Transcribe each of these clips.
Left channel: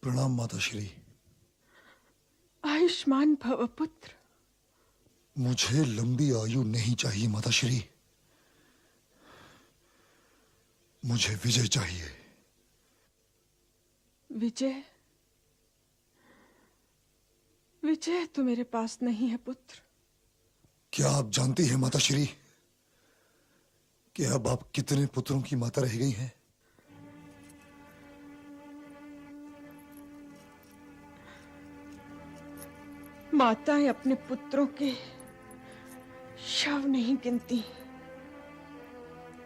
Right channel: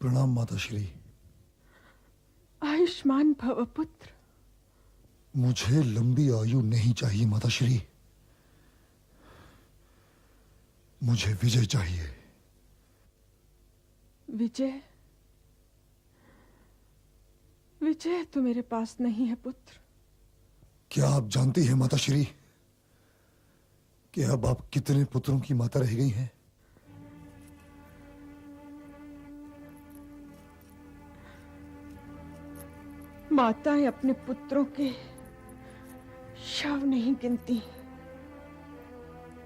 प्रणाम माता श्री। आयुष्मान भव पुत्र। मुझे लंबी आयु नहीं चाहिए माता श्री, मुझे विजय चाहिए। विजय? विजय तो मेरे पास नहीं है पुत्र। क्या आप जानती हैं माता श्री कि अब आप कितने पुत्रों की माता रह गई हैं? माताएं अपने पुत्रों के शव नहीं गिनती।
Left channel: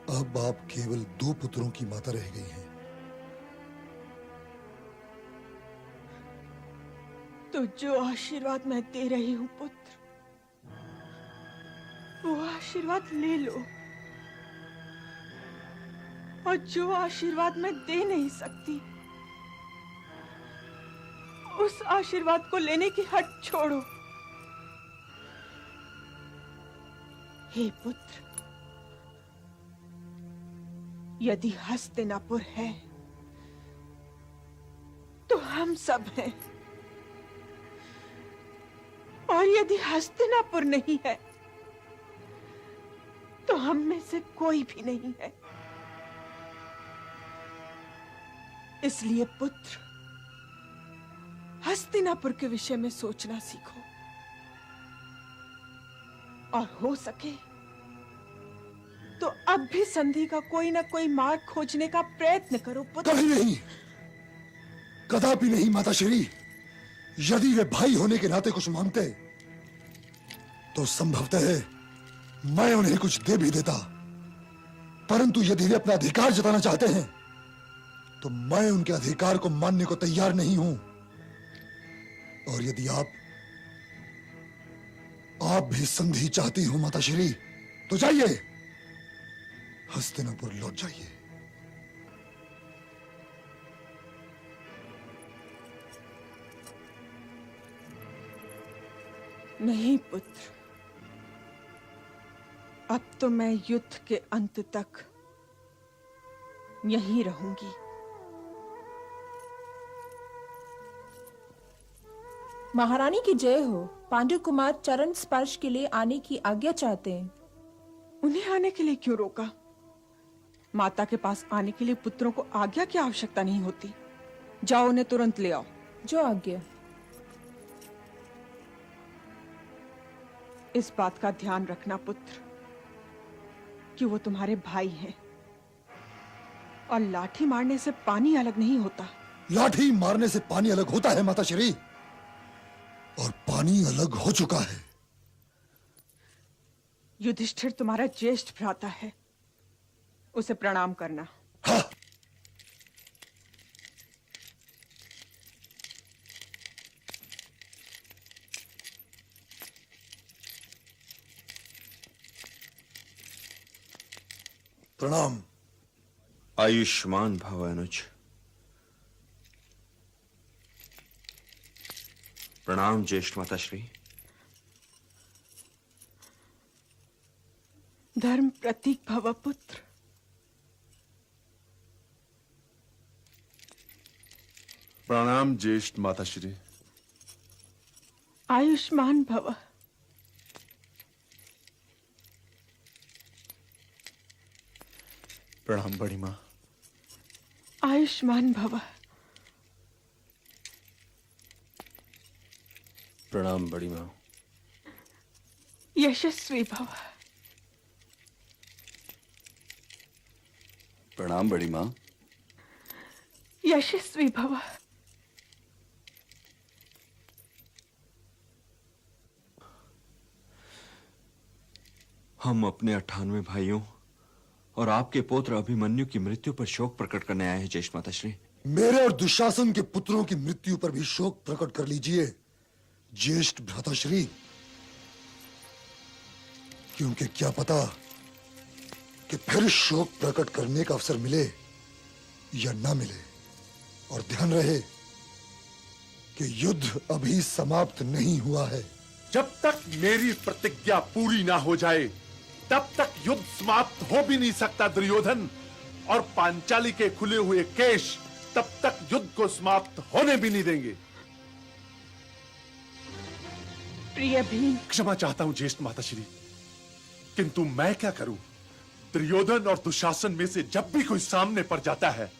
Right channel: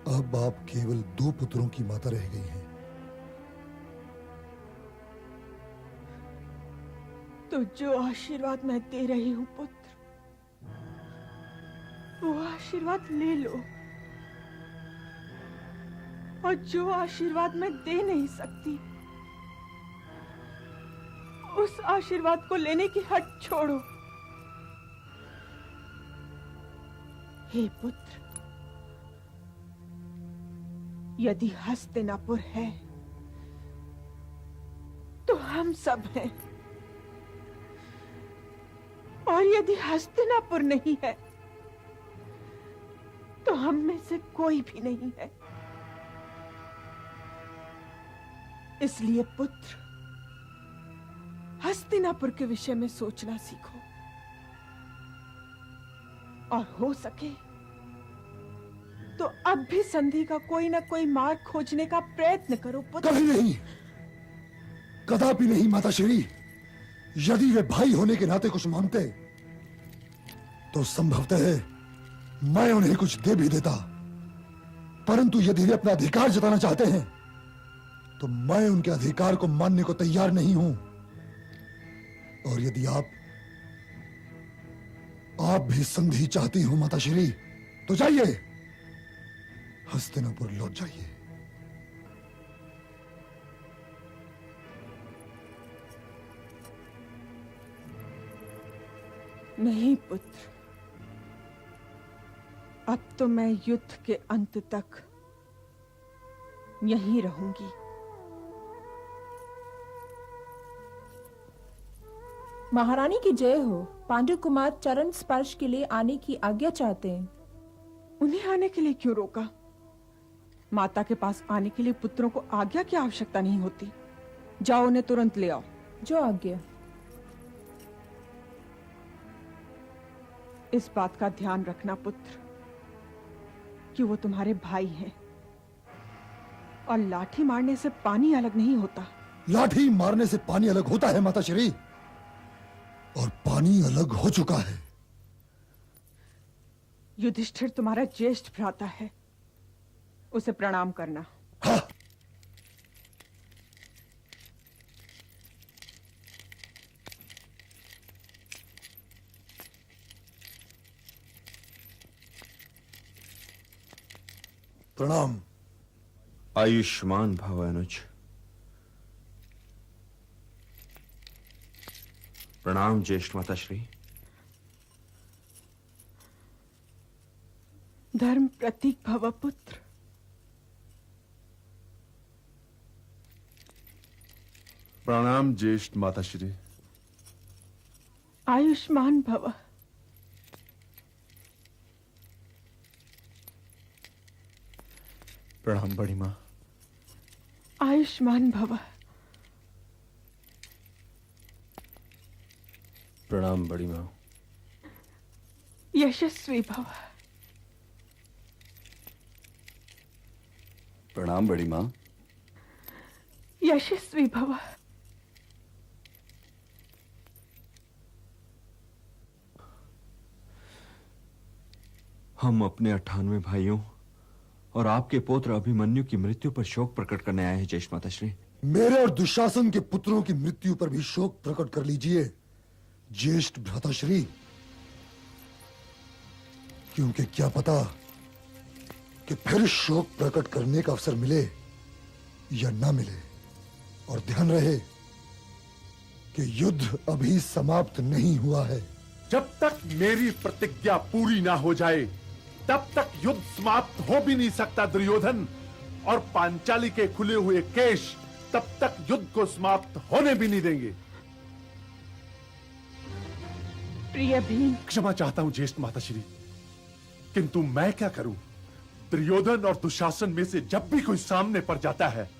अब आप केवल 2 पुत्रों की माता रह गई हैं। तो जो आशीर्वाद मैं दे रही हूं पुत्र, वो आशीर्वाद ले लो। और जो आशीर्वाद मैं दे नहीं सकती, उस आशीर्वाद को लेने की हट छोड़ो। हे पुत्र, यदि हस्तिनापुर है तो हम सब हैं, और यदि हस्तिनापुर नहीं है तो हम में से कोई भी नहीं है। इसलिए पुत्र, हस्तिनापुर के विषय में सोचना सीखो, और हो सके तो अब भी संधि का कोई ना कोई मार्ग खोजने का प्रयत्न करो पुत्र। कभी नहीं, कदापि नहीं माता श्री। यदि वे भाई होने के नाते कुछ मांगते तो संभवतः मैं उन्हें कुछ दे भी देता, परंतु यदि वे अपना अधिकार जताना चाहते हैं तो मैं उनके अधिकार को मानने को तैयार नहीं हूं। और यदि आप भी संधि चाहती हो माता श्री, तो जाइए, हस्तिनापुर लौट जाइए। नहीं पुत्र, अब तो मैं युद्ध के अंत तक यहीं रहूंगी। महारानी की जय हो। पांडु कुमार चरण स्पर्श के लिए आने की आज्ञा चाहते हैं। उन्हें आने के लिए क्यों रोका? माता के पास आने के लिए पुत्रों को आज्ञा की आवश्यकता नहीं होती। जाओ, उन्हें तुरंत ले आओ। जो आज्ञा। इस बात का ध्यान रखना पुत्र कि वो तुम्हारे भाई हैं, और लाठी मारने से पानी अलग नहीं होता। लाठी मारने से पानी अलग होता है माता श्री, और पानी अलग हो चुका है। युधिष्ठिर तुम्हारा ज्येष्ठ भ्राता है, उसे प्रणाम करना। हाँ। प्रणाम। आयुष्मान भव अनुज। प्रणाम ज्येष्ठ माता श्री। धर्म प्रतीक भव पुत्र। प्रणाम ज्येष्ठ माता श्री। आयुष्मान भव। प्रणाम बड़ी माँ। आयुष्मान भव। प्रणाम बड़ी माँ। यशस्वी भव। प्रणाम बड़ी माँ। यशस्वी भव। हम अपने 98 भाइयों और आपके पुत्र अभिमन्यु की मृत्यु पर शोक प्रकट करने आए हैं ज्येष्ठ माता श्री। मेरे और दुशासन के पुत्रों की मृत्यु पर भी शोक प्रकट कर लीजिए ज्येष्ठ भ्राताश्री। क्योंकि क्या पता कि फिर शोक प्रकट करने का अवसर मिले या ना मिले। और ध्यान रहे कि युद्ध अभी समाप्त नहीं हुआ है। जब तक मेरी प्रतिज्ञा पूरी ना हो जाए तब तक युद्ध समाप्त हो भी नहीं सकता दुर्योधन। और पांचाली के खुले हुए केश तब तक युद्ध को समाप्त होने भी नहीं देंगे। प्रिय भीम, क्षमा चाहता हूं ज्येष्ठ माताश्री, किंतु मैं क्या करूं? दुर्योधन और दुशासन में से जब भी कोई सामने पड़ जाता है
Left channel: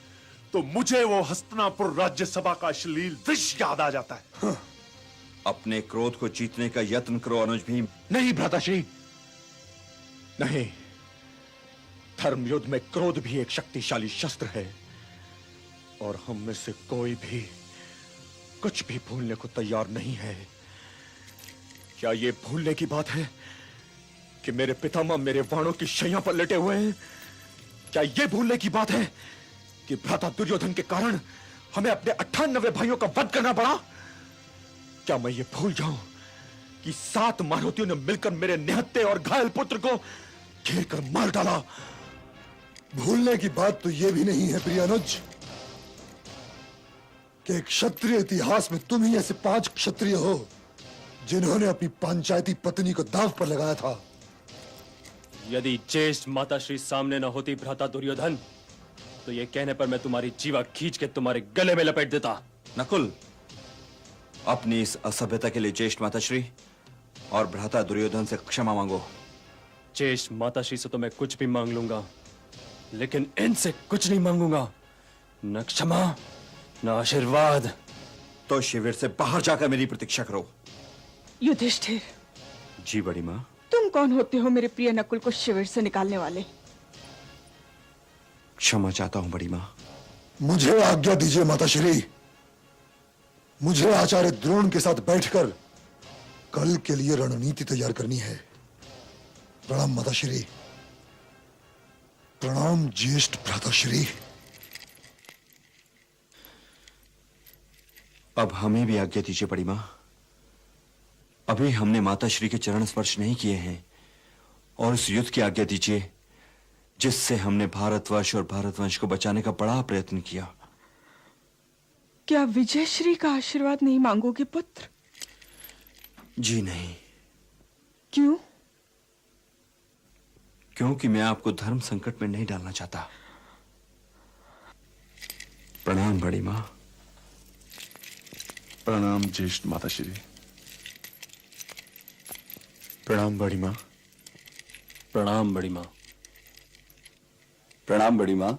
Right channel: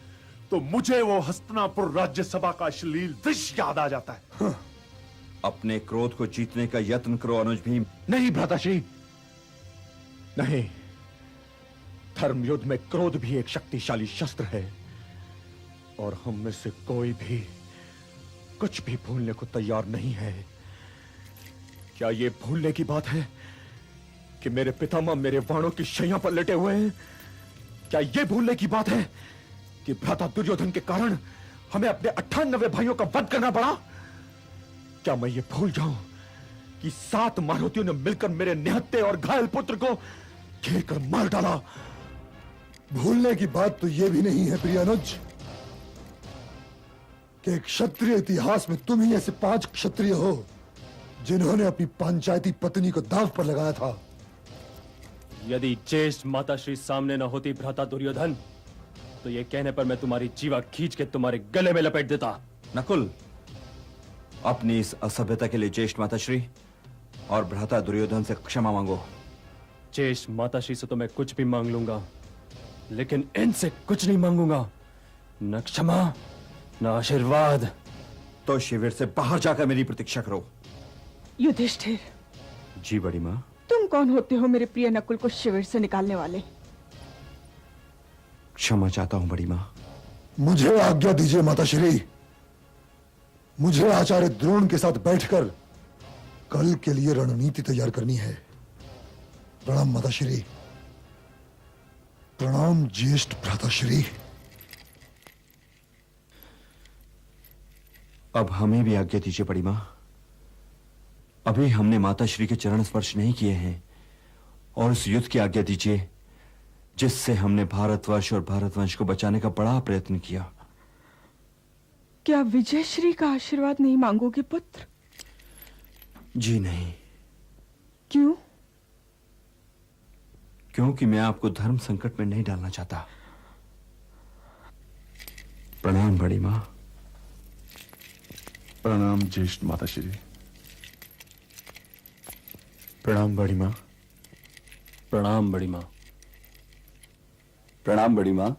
तो मुझे वो हस्तिनापुर राज्यसभा का अश्लील दृश्य याद आ जाता है। अपने क्रोध को जीतने का यत्न करो अनुज भीम। नहीं भ्राताश्री, नहीं। धर्म युद्ध में क्रोध भी एक शक्तिशाली शस्त्र है और हम में से कोई भी कुछ भी भूलने को तैयार नहीं है। क्या ये भूलने की बात है कि मेरे पितामह मेरे बाणों की शैया पर लेटे हुए हैं? क्या ये भूलने की बात है कि भ्राता दुर्योधन के कारण हमें अपने 98 भाइयों का वध करना पड़ा? क्या मैं ये भूल जाऊं कि 7 महारथियों ने मिलकर मेरे निहत्थे और घायल पुत्र को घेर कर मार डाला? भूलने की बात तो यह भी नहीं है प्रियानुज कि क्षत्रिय इतिहास में तुम ही ऐसे 5 क्षत्रिय हो जिन्होंने अपनी पंचायती पत्नी को दांव पर लगाया था। यदि ज्येष्ठ माताश्री सामने न होती भ्राता दुर्योधन, तो ये कहने पर मैं तुम्हारी जीवा खींच के तुम्हारे गले में लपेट देता। नकुल, अपनी इस असभ्यता के लिए ज्येष्ठ माताश्री और भ्राता दुर्योधन से क्षमा मांगो। ज्येष्ठ माताश्री से तो मैं कुछ भी मांग लूंगा, लेकिन इनसे कुछ नहीं मांगूंगा। न क्षमा न आशीर्वाद। तो शिविर से बाहर जाकर मेरी प्रतीक्षा करो। युधिष्ठिर, जी बड़ी माँ। तुम कौन होते हो मेरे प्रिय नकुल को शिविर से निकालने वाले? क्षमा चाहता हूँ बड़ी माँ। मुझे आज्ञा दीजिए माताश्री, मुझे आचार्य द्रोण के साथ बैठकर कल के लिए रणनीति तैयार करनी है। प्रणाम माताश्री। प्रणाम ज्येष्ठ भ्राताश्री। अब हमें भी आज्ञा दीजिए बड़ी माँ। अभी हमने माताश्री के चरण स्पर्श नहीं किए हैं और उस युद्ध की आज्ञा दीजिए जिससे हमने भारतवर्ष और भारतवंश को बचाने का बड़ा प्रयत्न किया। क्या विजयश्री का आशीर्वाद नहीं मांगोगे पुत्र? जी नहीं। क्यों? क्योंकि मैं आपको धर्म संकट में नहीं डालना चाहता। प्रणाम बड़ी माँ। प्रणाम ज्येष्ठ माताश्री। प्रणाम बड़ी माँ। प्रणाम बड़ी माँ। प्रणाम बड़ी माँ।